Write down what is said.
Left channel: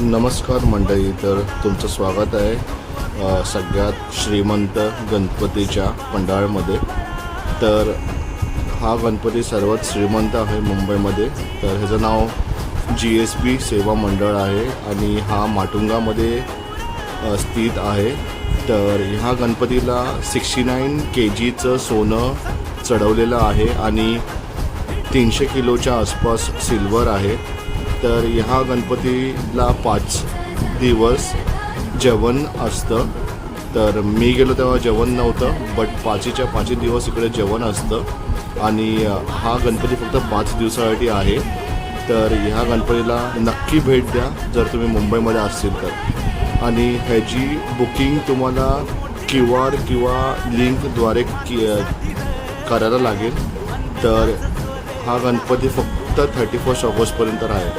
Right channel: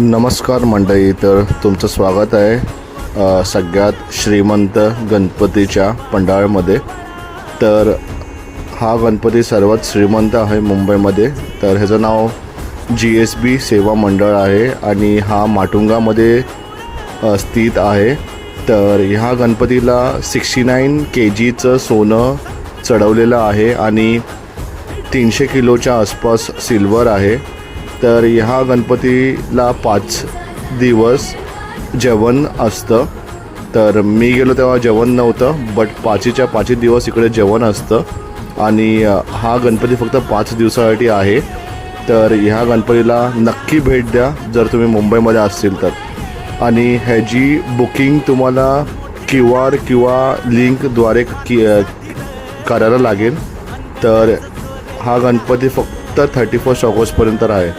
नमस्कार मंडळी, तर तुमचं स्वागत आहे सगळ्यात श्रीमंत गणपतीच्या पंडाळमध्ये। तर हा गणपती सर्वात श्रीमंत आहे मुंबईमध्ये। तर ह्याचं नाव GSB सेवा मंडळ आहे आणि हा माटुंगामध्ये स्थित आहे। तर ह्या गणपतीला 69 kgचं सोनं चढवलेलं आहे आणि 300 किलोच्या आसपास सिल्वर आहे। तर ह्या गणपतीला 5 दिवस जेवण असतं। तर मी गेलो तेव्हा जेवण नव्हतं, बट 5च्या दिवस इकडे जेवण असतं आणि हा गणपती फक्त 5 दिवसासाठी आहे। तर ह्या गणपतीला नक्की भेट द्या जर तुम्ही मुंबईमध्ये असतील तर। आणि ह्याची बुकिंग तुम्हाला QR किंवा लिंकद्वारे करायला लागेल। तर हा गणपती फक्त 31 ऑगस्टपर्यंत आहे।